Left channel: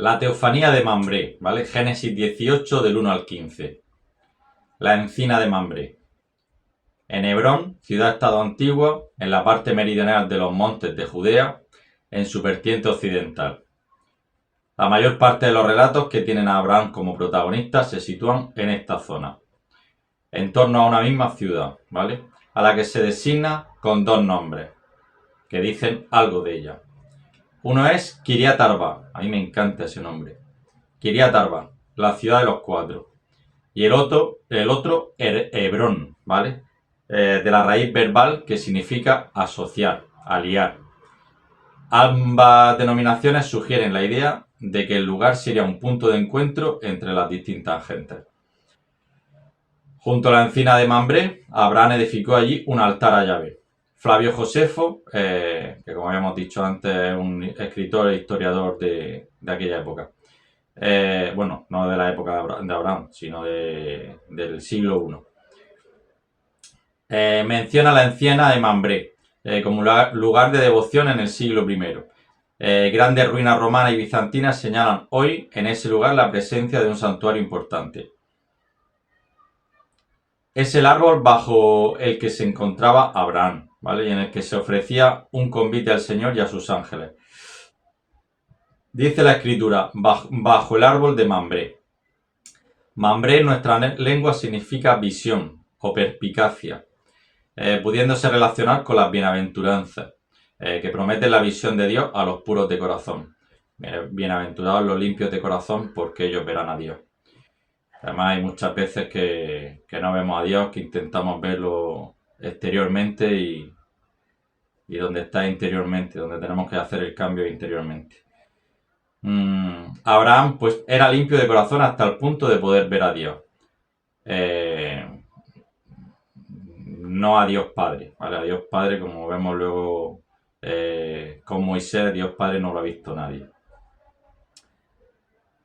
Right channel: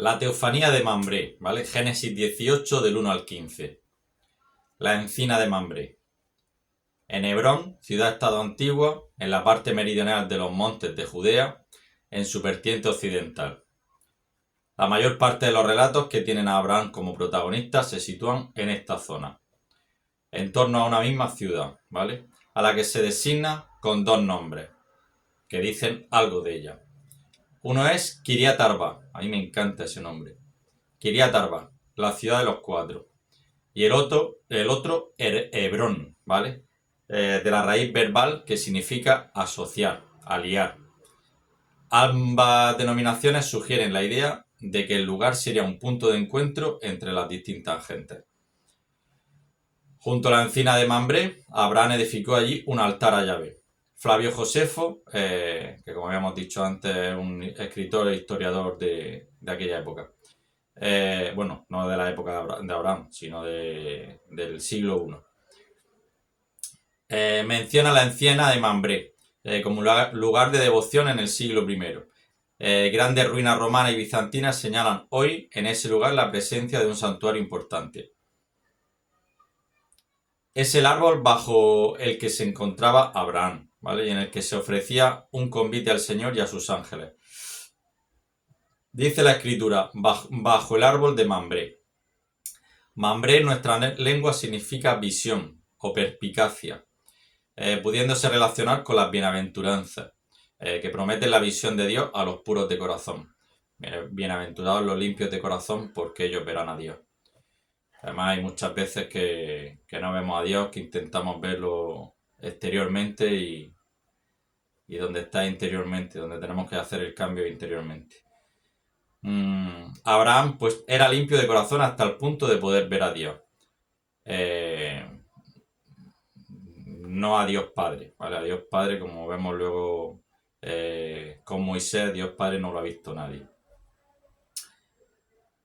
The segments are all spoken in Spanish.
La teofanía de Mambré, ¿vale? Génesis 18 del 1 al 15. La encina de Mambré. En Hebrón, ciudad-estado antigua, en la parte meridional de los montes de Judea, en su vertiente occidental. La mayor parte de los relatos que tienen a Abraham como protagonista se sitúan en esta zona, en torno a una misma ciudad, ¿vale? A la que se designa con dos nombres, que dicen algo de ella. Uno es Kiriat Arba, a mí me encanta ese nombre. Kiriat Arba, la ciudad de los cuatro. Y el otro Hebrón, ¿vale? De la raíz verbal que significa asociar, aliar. Ambas denominaciones sugieren la idea de que el lugar sería un punto de encuentro entre las distintas gentes. Junto a la encina de Mambré, Abraham edificó allí un altar a Yahvé. Flavio Josefo, que como habíamos dicho antes es un escritor e historiador de aquella época. Bueno, no de la época de Abraham, sino del siglo I. Menciona la encina de Mambré como lugar de devoción en el siglo I. Grandes ruinas romanas y bizantinas señalan hoy en ese lugar la presencia de un santuario importante. Es el árbol bajo el que se encontraba Abraham, ¿vale? Y en el que se ofrecía un convite al Señor y a sus ángeles. Dice la escritura, bajo el árbol de Mambré. Mambré en nuestra lengua significa visión o perspicacia, pudiéndose relacionar con las bienaventuranzas, que prometen la visión de Dios a los puros de corazón. Bienaventurados los limpios de corazón, porque ellos verán a Dios. Además hay muchas veces que no vemos a Dios, que intentamos verlo exteriormente y donde está interiormente, donde tenemos que hacer el cambio interiormente. Abraham pues era limpio de corazón hasta el punto de poder ver a Dios. No a Dios Padre, ¿vale? A Dios Padre, como vemos luego con Moisés, Dios Padre no lo ha visto nadie.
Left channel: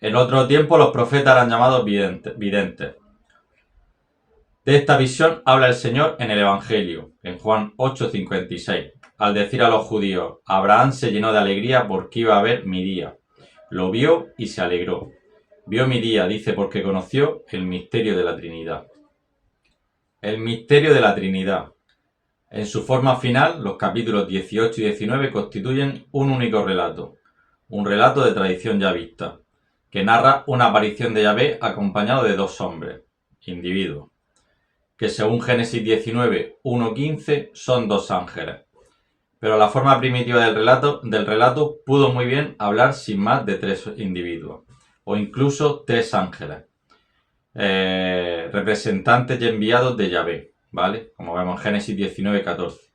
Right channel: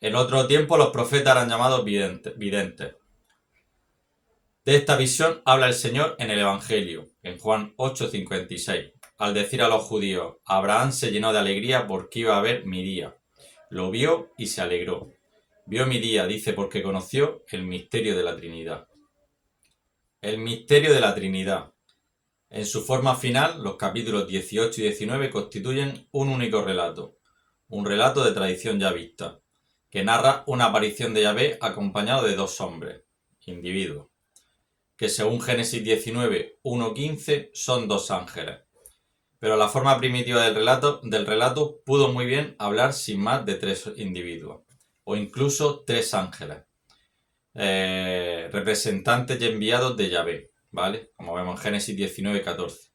En otro tiempo los profetas eran llamados videntes. De esta visión habla el Señor en el Evangelio, en Juan 8:56, al decir a los judíos, Abraham se llenó de alegría porque iba a ver mi día. Lo vio y se alegró. Vio mi día, dice, porque conoció el misterio de la Trinidad. El misterio de la Trinidad. En su forma final, los capítulos 18 y 19 constituyen un único relato, un relato de tradición ya vista, que narra una aparición de Yahvé acompañado de dos hombres, individuos, que según Génesis 19, 1:15 son dos ángeles. Pero la forma primitiva del relato pudo muy bien hablar sin más de tres individuos, o incluso tres ángeles, representantes y enviados de Yahvé, ¿vale? Como vemos en Génesis 19:14,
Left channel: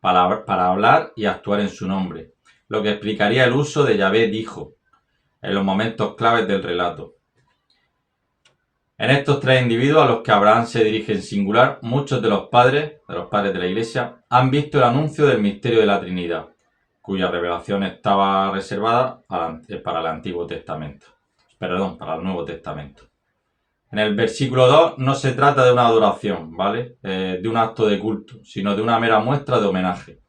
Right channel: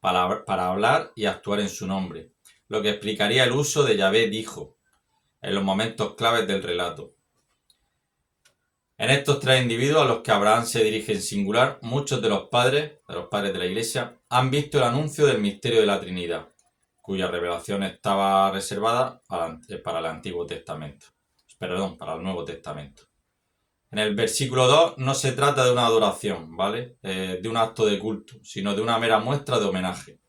para hablar y actuar en su nombre, lo que explicaría el uso de Yahvé dijo en los momentos claves del relato. En estos tres individuos a los que Abraham se dirige en singular, muchos de los padres de la Iglesia, han visto el anuncio del misterio de la Trinidad, cuya revelación estaba reservada para el Antiguo Testamento. Perdón, para el Nuevo Testamento. En el versículo 2 no se trata de una adoración, ¿vale? De un acto de culto, sino de una mera muestra de homenaje.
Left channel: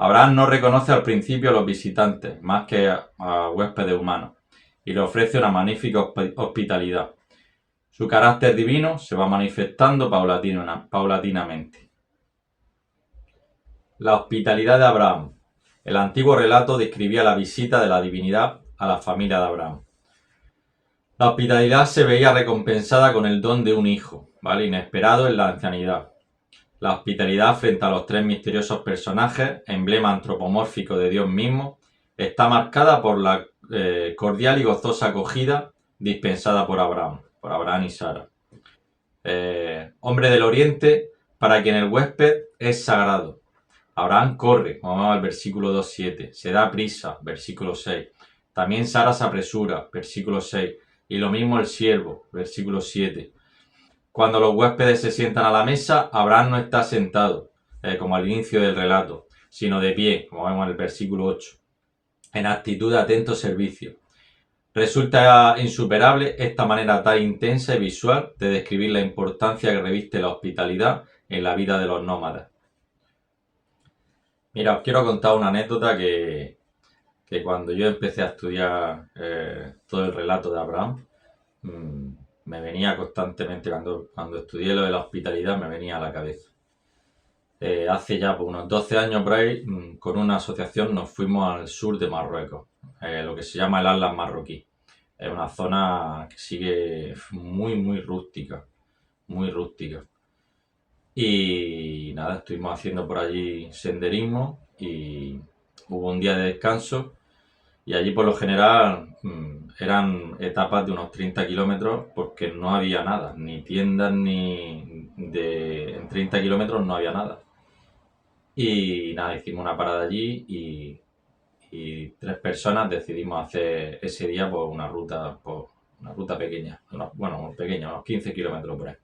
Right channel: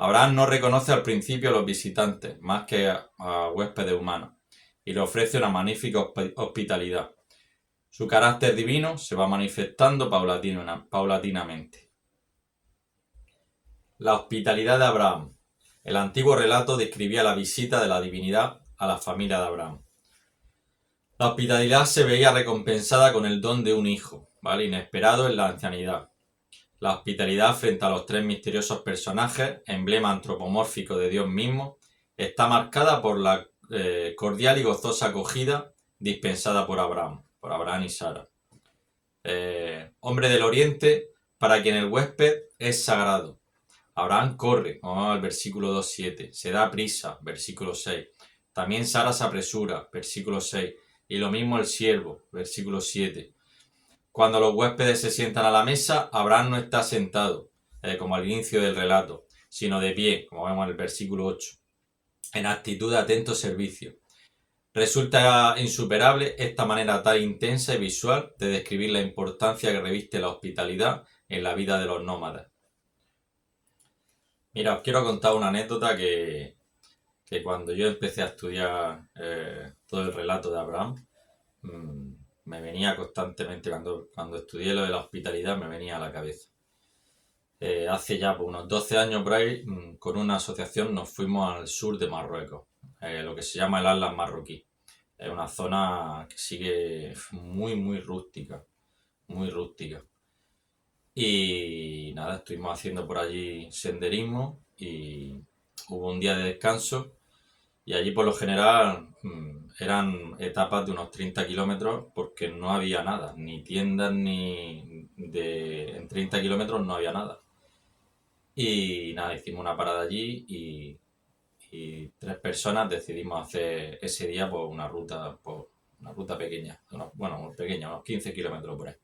Abraham no reconoce al principio a los visitantes, más que a huéspedes humanos, y le ofrece una magnífica hospitalidad. Su carácter divino se va manifestando paulatinamente. La hospitalidad de Abraham. El antiguo relato describía la visita de la divinidad a la familia de Abraham. La hospitalidad se veía recompensada con el don de un hijo, ¿vale? Inesperado en la ancianidad. La hospitalidad frente a los tres misteriosos personajes, emblema antropomórfico de Dios mismo, está marcada por la cordial y gozosa acogida dispensada por Abraham y Sara. Hombre del Oriente, para quien el huésped es sagrado. Abraham corre, vamos al versículo 2:7, se da prisa, versículo 6. También Sara se apresura, versículo 6. Y lo mismo el siervo, versículo 7. Cuando los huéspedes se sientan a la mesa, Abraham no está sentado, como al inicio del relato, sino de pie, como vemos en el versículo 8, en actitud de atento servicio. Resulta insuperable esta manera tan intensa y visual de describir la importancia que reviste la hospitalidad en la vida de los nómadas. Mira, os quiero contar una anécdota que que cuando yo empecé a estudiar todo el relato de Abraham, me venía constantemente, cuando estudié lo de la hospitalidad, me venía a la cabeza. Hace ya pues, unos 12 años por ahí, con una asociación nos fuimos al sur de Marruecos, lo que se llama el Atlas marroquí. Es una zona que sigue muy, muy rústica, muy rústica. Y nada, estuvimos haciendo por allí senderismo y hubo un día de descanso y allí por lo general eran etapas de unos 30 kilómetros porque no había nada, ni tiendas ni en 30 kilómetros no había nada. Y nada, hicimos una parada allí y 3 personas decidimos hacer ese día pues, una ruta pequeña, bueno, pequeña, unos 15 kilómetros por ahí.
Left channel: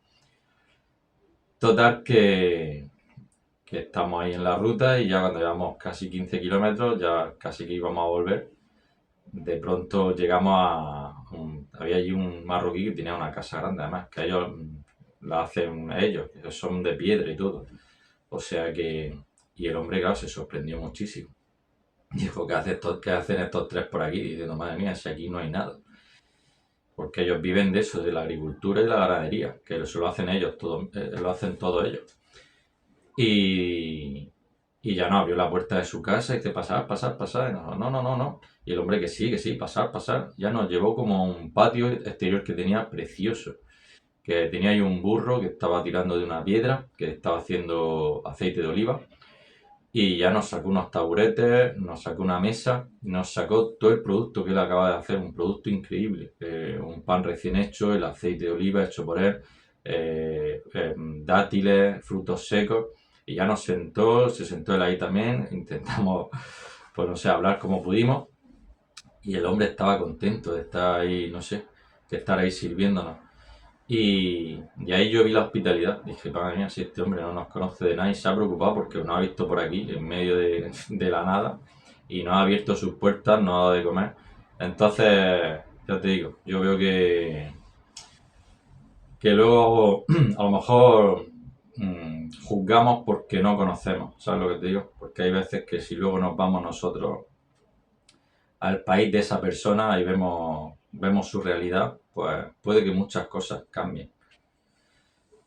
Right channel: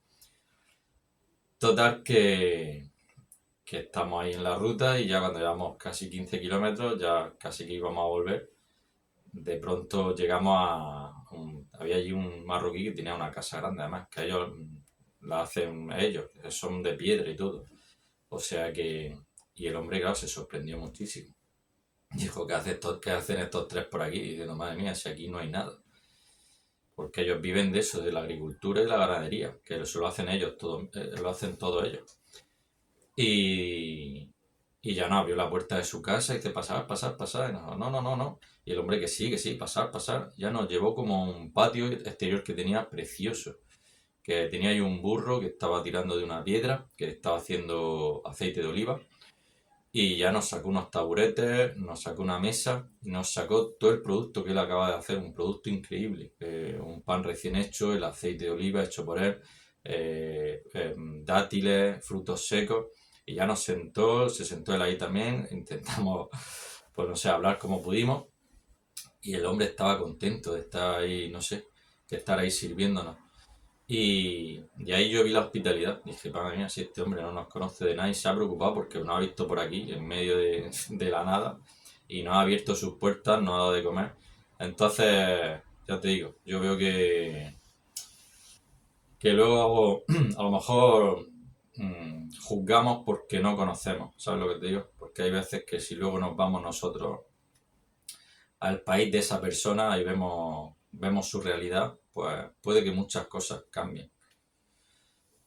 Total que estamos ahí en la ruta y ya cuando llevamos casi 15 kilómetros, ya casi que íbamos a volver, de pronto llegamos había allí un marroquí que tenía una casa grande, además, que ellos la hacen ellos, que son de piedra y todo. O sea que... Y el hombre, claro, se sorprendió muchísimo. Dijo, ¿qué hacen estos tres por aquí? Diciendo, madre mía, si aquí no hay nada. Porque ellos viven de eso, de la agricultura y la ganadería, que eso lo hacen ellos, lo hacen todos ellos. Y ya no, abrió la puerta de su casa y dice, pasar, pasar, pasar. Y no. Y el hombre que sí, pasar, pasar. Ya nos llevó como a un patio exterior que tenía precioso. Que tenía ahí un burro que estaba tirando de una piedra, que estaba haciendo aceite de oliva. Y ya nos sacó unos taburetes, nos sacó una mesa, nos sacó todo el producto que él acaba de hacer, un producto increíble. Un pan recién hecho, el aceite de oliva hecho por él, dátiles, frutos secos. Y ya se sentó él ahí también, intentamos, pues no sé, hablar como pudimos. Y el hombre estaba contento de estar ahí, no sé, de estar ahí sirviéndonos. Y ahí yo vi la hospitalidad. Dije, madre mía, si este hombre no nos conoce de nada y se ha preocupado porque nos ha visto por aquí, en medio de la nada, y nos ha abierto sus puertas, nos ha dado de comer. Entonces, ya te digo, yo veo que luego a lo mejor juzgamos porque no conocemos, ¿sabes lo que te digo? Porque hay veces que si luego nos vamos nosotros al país de esa persona y vemos su realidad, pues puede que muchas cosas cambien.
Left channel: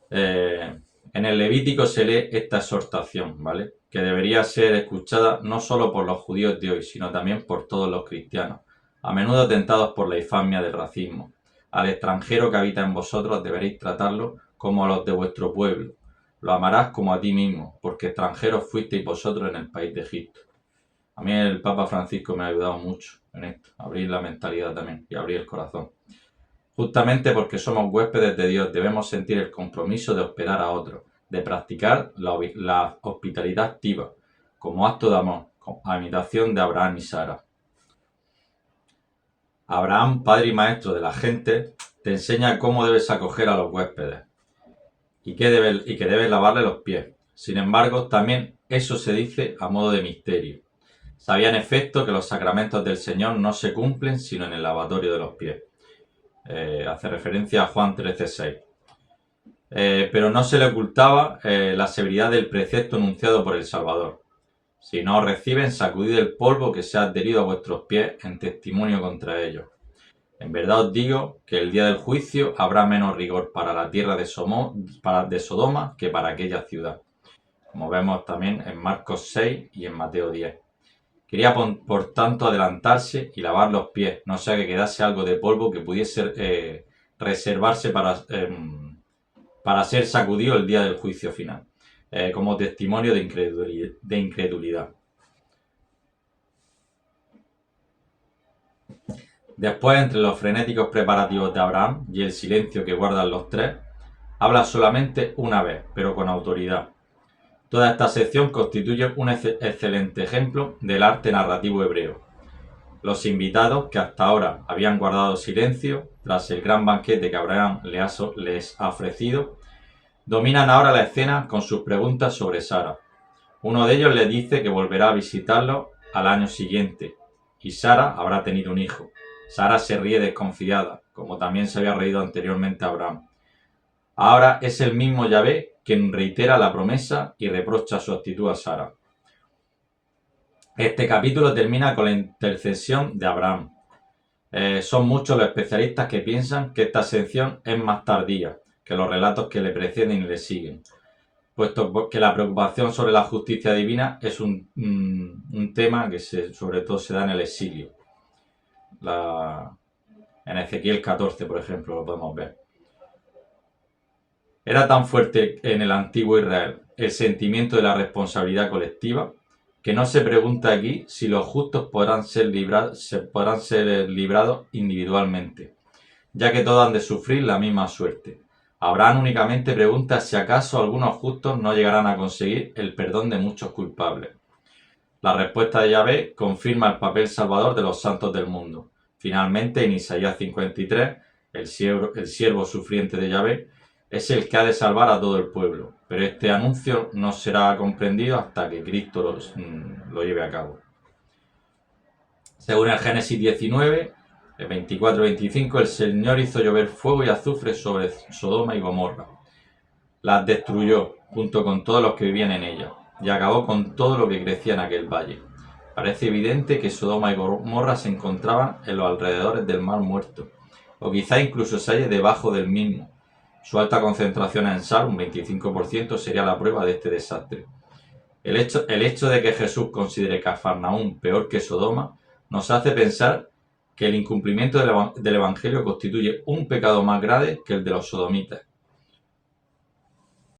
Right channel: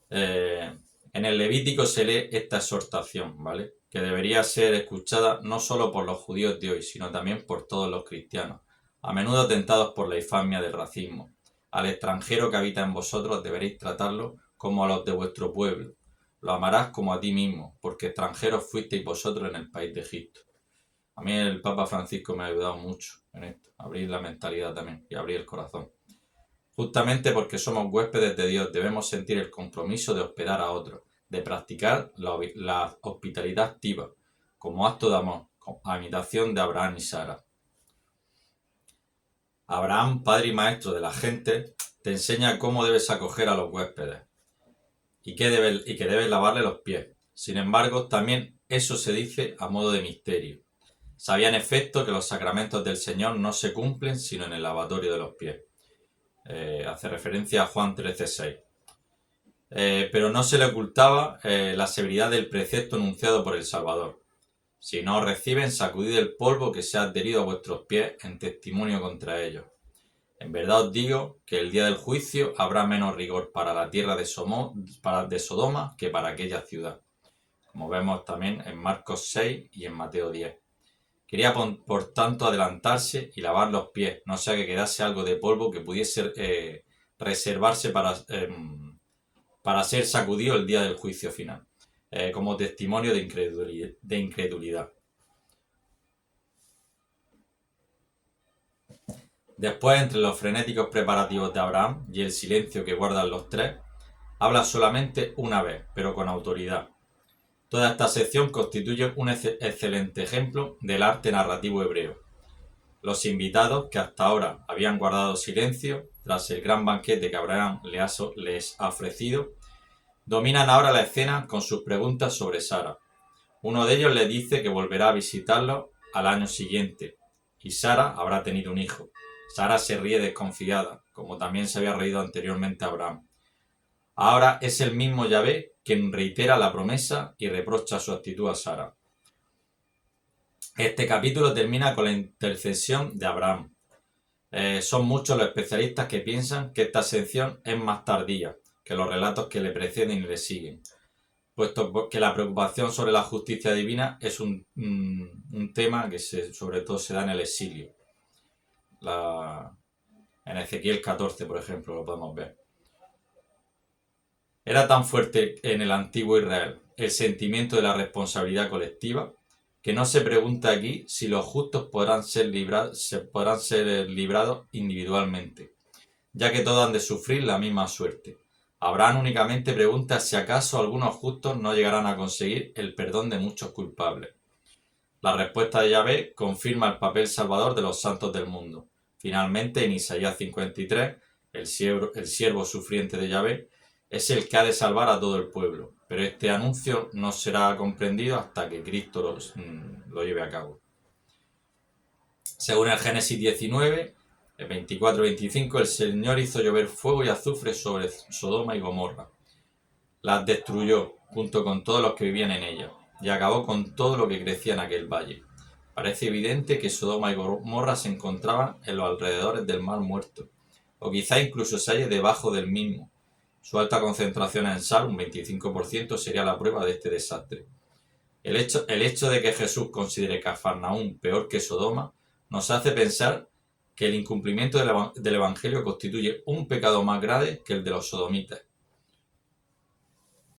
En el Levítico se lee esta exhortación, ¿vale? Que debería ser escuchada no solo por los judíos de hoy, sino también por todos los cristianos, a menudo tentados por la infamia del racismo. Al extranjero que habita en vosotros deberéis tratarlo como a los de vuestro pueblo. Lo amarás como a ti mismo, porque extranjeros fuisteis vosotros en el país de Egipto. A mí el Papa Francisco me ha ayudado mucho en esto, abrir la mentalidad también y abrir el corazón. Justamente porque somos huéspedes de Dios, debemos sentir el compromiso de hospedar a otros, de practicar la hospitalidad activa, como acto de amor, a imitación de Abraham y Sara. Abraham, padre y maestro de la gente, te enseña cómo debes acoger a los huéspedes y que debes lavarle los pies. Sin embargo, también eso se dice a modo de misterio. Sabía en efecto que los sacramentos del Señor no se cumplen sino en el lavatorio de los pies. Hace referencia a Juan 13:6. Pero no se le ocultaba la severidad del precepto enunciado por el Salvador. Si no os reciben, sacudid el polvo que se ha adherido a vuestros pies en testimonio contra ellos. En verdad os digo que el día del juicio habrá menos rigor para la tierra de Sodoma que para aquella ciudad. Como vemos también en Marcos 6 y en Mateo 10. Quería por tanto adelantarse y lavar los pies, no sea que quedase algo de polvo que pudiese reservarse para ser sacudido el día del juicio final, como testimonio de incredulidad. Después, entre los frenéticos preparativos de Abraham y el silencio que guardan los tres, habla solamente una vez, pero con autoridad. Toda esta sección constituye un excelente ejemplo del arte narrativo hebreo. Los invitados, que hasta ahora habían guardado silencio tras el gran banquete que Abraham les ha ofrecido, dominan ahora la escena con sus preguntas sobre Sara. Uno de ellos le dice que volverá a visitarlo al año siguiente y Sara habrá tenido un hijo. Sara se ríe desconfiada, como también se había reído anteriormente Abraham. Ahora es el mismo Yahvé quien reitera la promesa y reprocha su actitud a Sara. Este capítulo termina con la intercesión de Abraham. Son muchos los especialistas que piensan que esta sección es más tardía que los relatos que le preceden y le siguen, puesto que la preocupación sobre la justicia divina es un tema que sobre todo se da en el exilio. En Ezequiel 14, por ejemplo, lo podemos ver. Era tan fuerte en el antiguo Israel el sentimiento de la responsabilidad colectiva que no se pregunta aquí si los justos podrán ser librados individualmente, ya que todos han de sufrir la misma suerte. Abraham únicamente pregunta si acaso algunos justos no llegarán a conseguir el perdón de muchos culpables. La respuesta de Yahvé confirma el papel salvador de los santos del mundo. Finalmente, en Isaías 53, el siervo sufriente de Yahvé es el que ha de salvar a todo el pueblo, pero este anuncio no será comprendido hasta que Cristo lo lleve a cabo. Según el Génesis 19, el 24-25, el Señor hizo llover fuego y azufre sobre Sodoma y Gomorra. Las destruyó, junto con todos los que vivían en ella, y acabó con todo lo que crecía en aquel valle. Parece evidente que Sodoma y Gomorra se encontraban en los alrededores del Mar Muerto, o quizá incluso se halle debajo del mismo. Su alta concentración en sal, un 25%, sería la prueba de este desastre. El hecho de que Jesús considere Cafarnaúm peor que Sodoma nos hace pensar que el incumplimiento del Evangelio constituye un pecado más grave que el de los sodomitas.